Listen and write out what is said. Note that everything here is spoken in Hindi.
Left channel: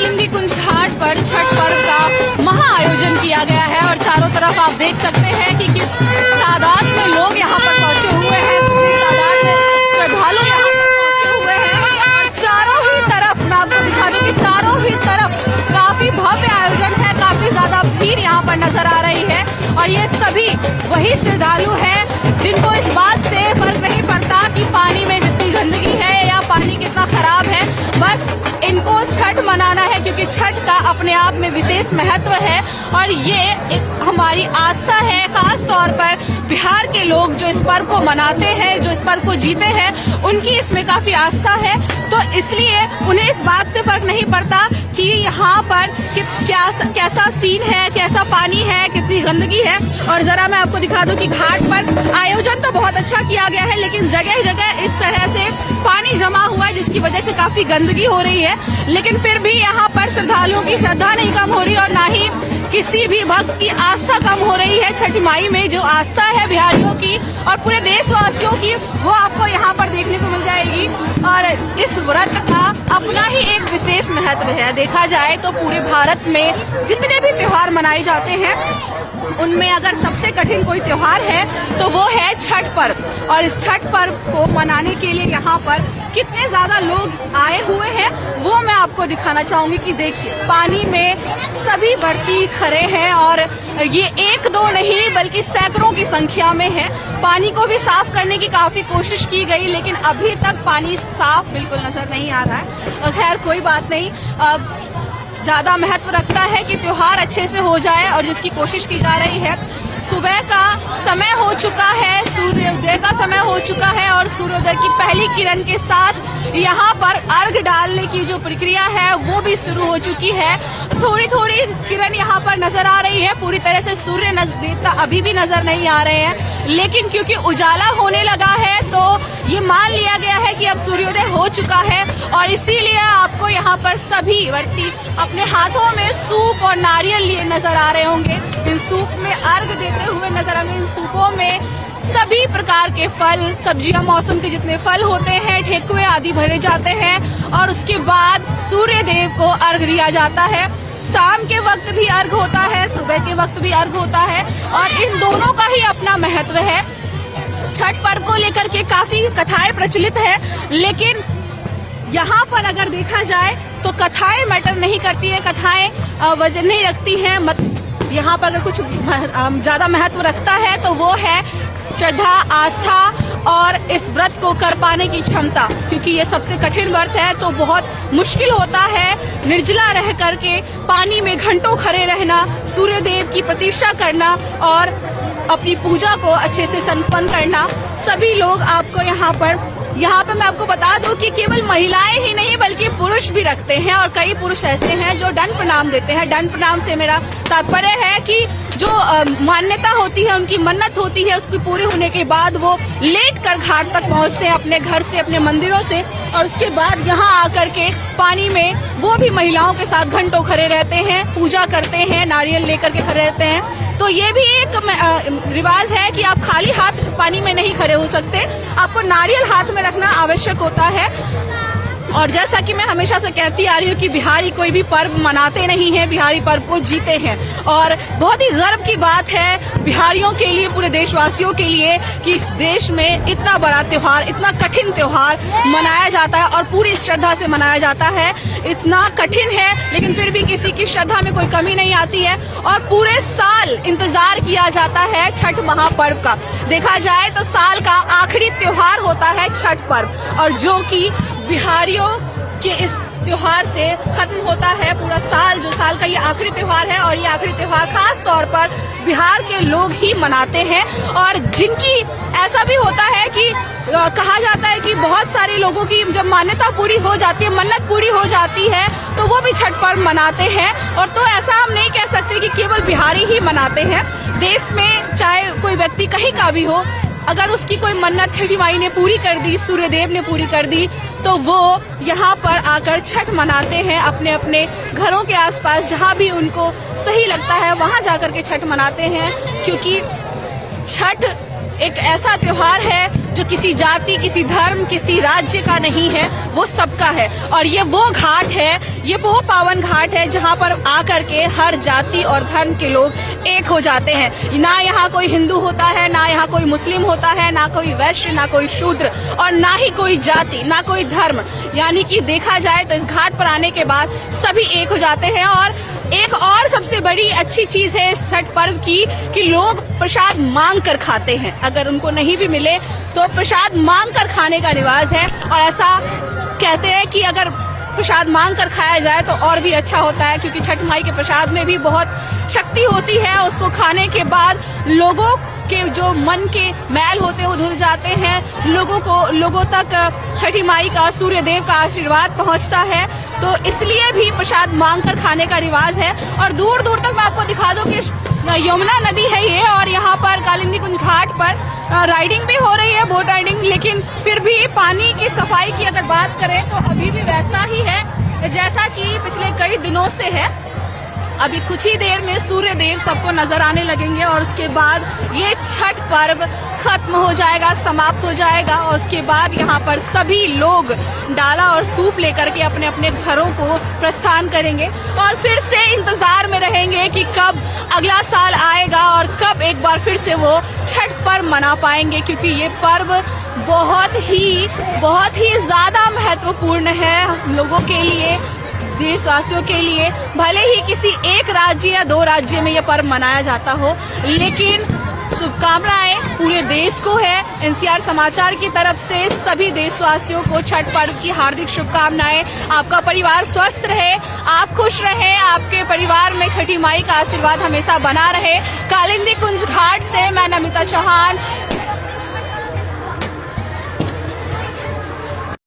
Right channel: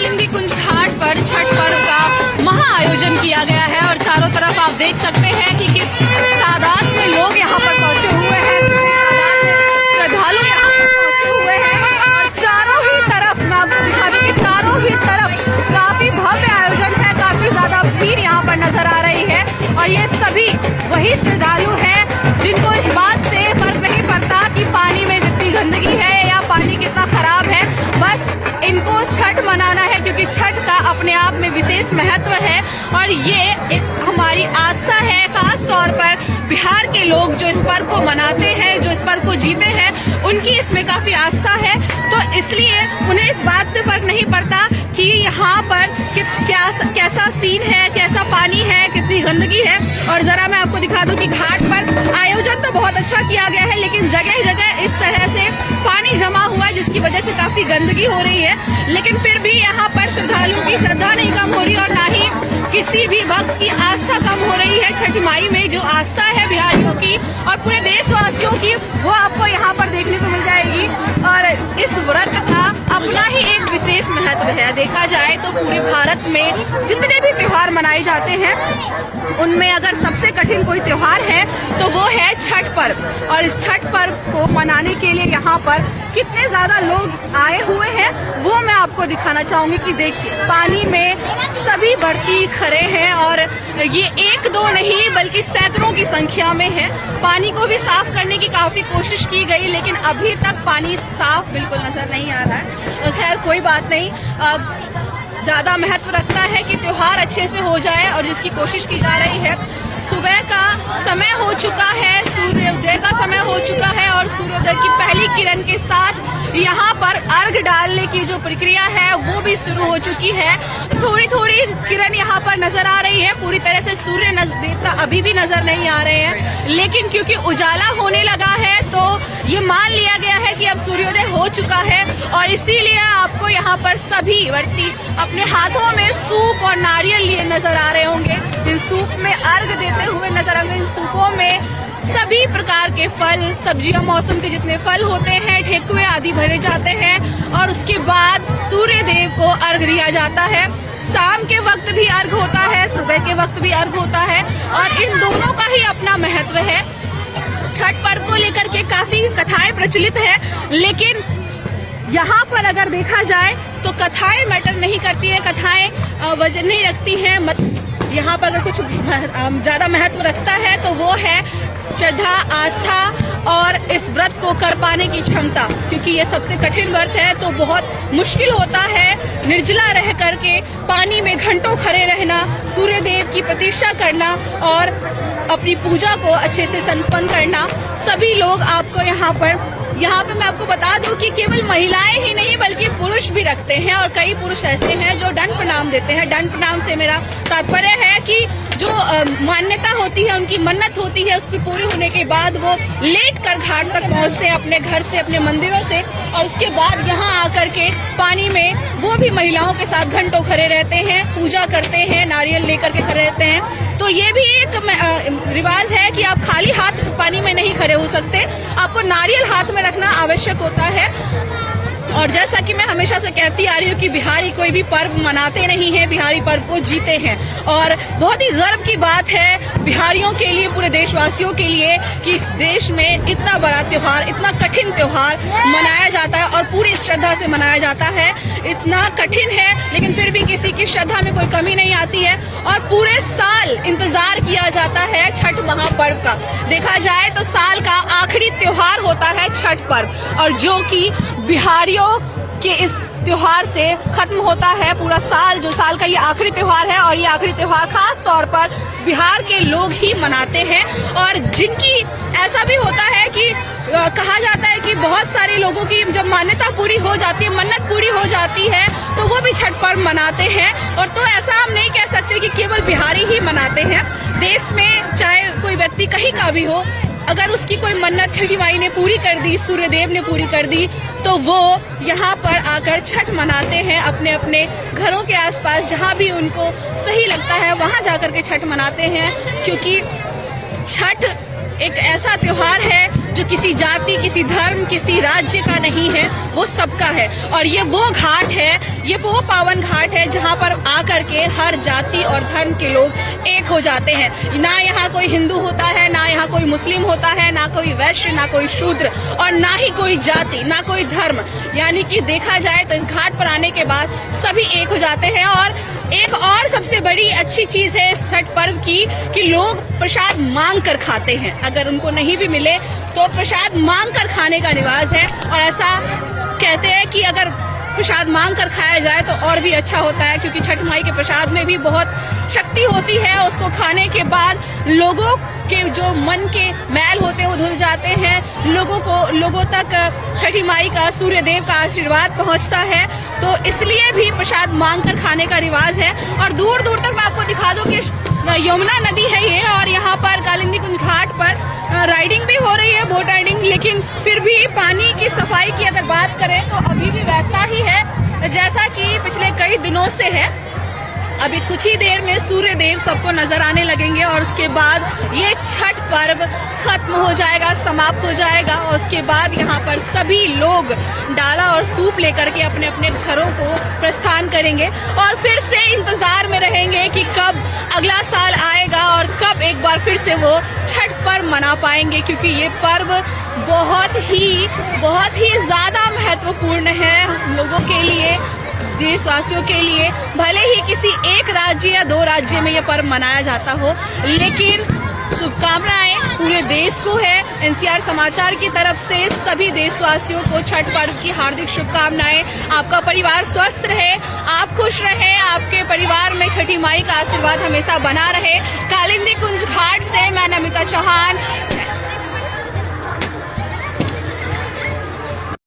महालिंगी कुंज घाट पर छठ पर्व का महा आयोजन किया गया है और चारों तरफ आप देख सकते हैं कि किस तादाद में लोग यहाँ पर पहुंचे हुए हैं, कितनी तादाद में श्रद्धालु यहाँ पर पहुंचे हुए हैं। और चारों ही तरफ मैं आपको दिखा दूं कि चारों ही तरफ काफी भव्य आयोजन है, काफी ज्यादा भीड़ यहाँ पर नजर आ रही है। और ये सभी वही श्रद्धालु हैं जिनको इस बात से फर्क नहीं पड़ता कि पानी में कितनी गंदगी है या पानी कितना खराब है, बस इनको छठ मनाना है क्योंकि छठ का अपने आप में विशेष महत्व है। और ये हमारी आस्था है, खास तौर पर बिहार के लोग जो इस पर्व को मनाते हैं, जो इस पर्व को जीते हैं, उनकी इसमें काफी आस्था है। तो इसलिए उन्हें इस बात से फर्क नहीं पड़ता कि यहाँ पर कैसा सीन है, कैसा पानी है, कितनी गंदगी है। और जरा मैं आपको दिखा दूं कि घाट पर आयोजन तो बहुत अच्छा किया गया है, लेकिन जगह जगह इस तरह से पानी जमा हुआ है जिसकी वजह से काफी गंदगी हो रही है। लेकिन फिर भी यहाँ पर श्रद्धालुओं की श्रद्धा नहीं कम हो रही और ना ही किसी भी भक्त की आस्था कम हो रही है। छठ माई में जो आस्था है बिहारियों की और पूरे देशवासियों की, वो आपको यहाँ पर देखने को मिल जाएगी। और इस व्रत का अपना ही एक विशेष महत्व है। देखा जाए तो पूरे भारत में जितने भी त्योहार मनाए जाते हैं उनमें अगर सबसे कठिन कोई त्योहार है तो वो है छठ पर्व। और इस छठ पर्व को मनाने के लिए यहाँ पर कितने ज्यादा लोग आए हुए हैं वो मैं आपको दिखाना चाहूंगी कि देखिए, पानी में सभी व्रती खड़े हैं और ये एक दो नहीं बल्कि सैकड़ों की संख्या में है। पानी को भी साफ करने की काफी कोशिश की गई, लेकिन अभी तक पानी साफ बिल्कुल नजर नहीं आ रहा है। खैर कोई बात नहीं, ज्यादा महत्व रखता है कि त्योहार अच्छे से हो जाए और जिसकी कोशिश की जा रही है। सुबह का समय हो चुका है, सूर्योदय का समय हो चुका है और सूर्योदय की पहली किरण के साथ यहाँ पर अर्घ डालने की जो प्रक्रिया है वो भी शुरू हो चुकी है। थोड़ी थोड़ी किरण यहाँ पर नजर आ रही है, पूरी तरह से सूर्य देवता अभी भी नजर नहीं आ रहे हैं, लेकिन क्योंकि उजाला होने लगा है तो ये मान लिया गया है कि अब सूर्योदय हो चुका है। और इसीलिए आपको यहाँ पर सभी व्यक्ति अपने हाथों में सूप और नारियल लिए नजर आ रहे होंगे। इन सूप में अर्घ देते हुए नजर आएंगे। इन सूपों में सभी प्रकार के फल, सब्जियां, मौसम के जितने फल होते हैं, ठेकुए आदि भरे जाते हैं और उसके बाद सूर्य देव को अर्घ दिया जाता है। शाम के वक्त भी अर्घ होता है, सुबह के वक्त भी अर्घ होता है और इन दोनों का ही अपना महत्व है। छठ पर्व को लेकर के काफी कथाएं प्रचलित है, लेकिन यहाँ पर अगर देखा जाए तो कथाएं मैटर नहीं करती है, कथाएं वजन नहीं रखती हैं। यहाँ पर अगर कुछ ज्यादा महत्व रखता है तो वो है श्रद्धा, आस्था और इस व्रत को कर पाने की क्षमता, क्योंकि ये सबसे कठिन व्रत है। तो बहुत मुश्किल होता है निर्जला रह करके पानी में घंटों खड़े रहना, सूर्य देव की प्रतीक्षा करना और अपनी पूजा को अच्छे से संपन्न करना। सभी लोग आपको यहाँ पर मैं आपको बता दूं कि केवल महिलाएं ही नहीं बल्कि पुरुष भी रखते हैं और कई पुरुष ऐसे हैं जो दंड प्रणाम देते हैं। दंड प्रणाम से मेरा तात्पर्य है कि जो मान्यता होती है, उनकी मन्नत होती है, उसकी पूरी होने के बाद वो लेट कर घाट तक पहुंचते हैं अपने घर से, अपने मंदिरों से, और उसके बाद यहाँ आकर के पानी में वो भी महिलाओं के साथ घंटों खड़े रहते हैं, पूजा करते हैं, नारियल लेकर के खड़े रहते हैं। तो ये भी एक रिवाज है कि आप खाली हाथ इस पानी में नहीं खड़े हो सकते, आपको नारियल हाथ में रखना आवश्यक होता है। और जैसा कि मैं हमेशा से कहती आ रही हूँ कि बिहारी कोई भी पर्व मनाते नहीं है, बिहारी पर्व को जीते हैं। और बहुत ही गर्व की बात है बिहारियों के लिए, पूरे देशवासियों के लिए कि इस देश में इतना बड़ा त्योहार, इतना कठिन त्योहार मनाया जाता है और पूरी श्रद्धा से मनाया जाता है। इतना कठिन है लेकिन फिर भी किसी की श्रद्धा में कोई कमी नहीं आती है और पूरे साल इंतजार किया जाता है छठ महापर्व का। देखा जाए तो साल का आखिरी त्योहार होता है छठ पर्व, और जो कि बिहारियों के इस त्योहार से खत्म होता है पूरा साल। जो साल का ये आखिरी त्योहार है और ये आखिरी त्योहार खास तौर पर बिहार के लोग ही मनाते हैं। और जिनकी ऐसा भी होता है कि कहा जाता है कि बहुत सारे लोगों की जब मान्यता पूरी हो जाती है, मन्नत पूरी हो जाती है, तो वो भी छठ पर्व मनाते हैं। और तो ऐसा हम नहीं कह सकते कि केवल बिहारी ही मनाते हैं। देश में चाहे कोई व्यक्ति कहीं का भी हो, अगर उसकी कोई मन्नत छठी माई ने पूरी कर दी, सूर्यदेव ने पूरी कर दी, तो वो यहाँ पर आकर छठ मनाते हैं। अपने अपने घरों के आसपास जहाँ भी उनको सही लगता है वहाँ जाकर के छठ मनाते हैं, क्योंकि छठ एक ऐसा त्योहार है जो किसी जाति, किसी धर्म, किसी राज्य का नहीं है, वो सबका है। और ये वो घाट है, ये वो पावन घाट है जहाँ पर आकर के हर जाति और धर्म के लोग एक हो जाते हैं। ना यहाँ कोई हिंदू होता है, ना यहाँ कोई मुस्लिम होता है, ना कोई वैश्य, ना कोई शूद्र और ना ही कोई जाति, ना कोई धर्म। यानी कि देखा जाए तो इस घाट पर आने के बाद सभी एक हो जाते हैं। और एक और सबसे बड़ी अच्छी चीज है इस छठ पर्व की कि लोग प्रसाद मांग कर खाते हैं। अगर उनको नहीं भी मिले तो प्रसाद मांग कर खाने का रिवाज है। और ऐसा कहते हैं कि अगर प्रसाद मांग कर खाया जाए तो और भी अच्छा होता है, क्योंकि छठ माई के प्रसाद में भी बहुत शक्ति होती है। उसको खाने के बाद लोगों के जो मन के मैल होते हैं वो धुल जाते हैं, लोगों तक छठी माई का, सूर्य देव का आशीर्वाद पहुंचता है। तो इसलिए भी प्रसाद मांग कर खाने का रिवाज है। और दूर दूर तक मैं आपको दिखा दूं कि यमुना नदी है ये, और यहाँ पर कालिंदी कुंज घाट पर राइडिंग भी हो रही है, बोट राइडिंग। लेकिन फिर भी पानी की सफाई की अगर बात करें तो अभी भी वैसा ही है जैसा कि पिछले कई दिनों से है। अभी कुछ ही देर में सूर्य देव सबको नजर आने लगेंगे और उसके बाद ये छठ पर्व खत्म हो जाएगा, समाप्त हो जाएगा। और उसके बाद यहाँ पर सभी लोग डाला और सूप लेकर के अपने अपने घरों को प्रस्थान करेंगे और फिर से इंतजार में रहेंगे कि कब अगला साल आएगा और कब एक बार फिर से वो छठ पर्व मना पाएंगे, क्योंकि ये पर्व बहुत ही ज्यादा महत्वपूर्ण है हम लोगों के लिए, देशवासियों के लिए। भले ही किसी एक राज्य या दो राज्य में यह पर्व मनाया जाता हो, लेकिन शुभकामनाएं पूरे देश को है। एनसीआर समाचार की तरफ से सभी देशवासियों को छठ पर्व की हार्दिक शुभकामनाएं। आपका परिवार स्वस्थ रहे, आप खुश रहे, आपके परिवार में छठी माई का आशीर्वाद हमेशा बना रहे। कालिंदी कुंज घाट से मैं नमिता चौहान,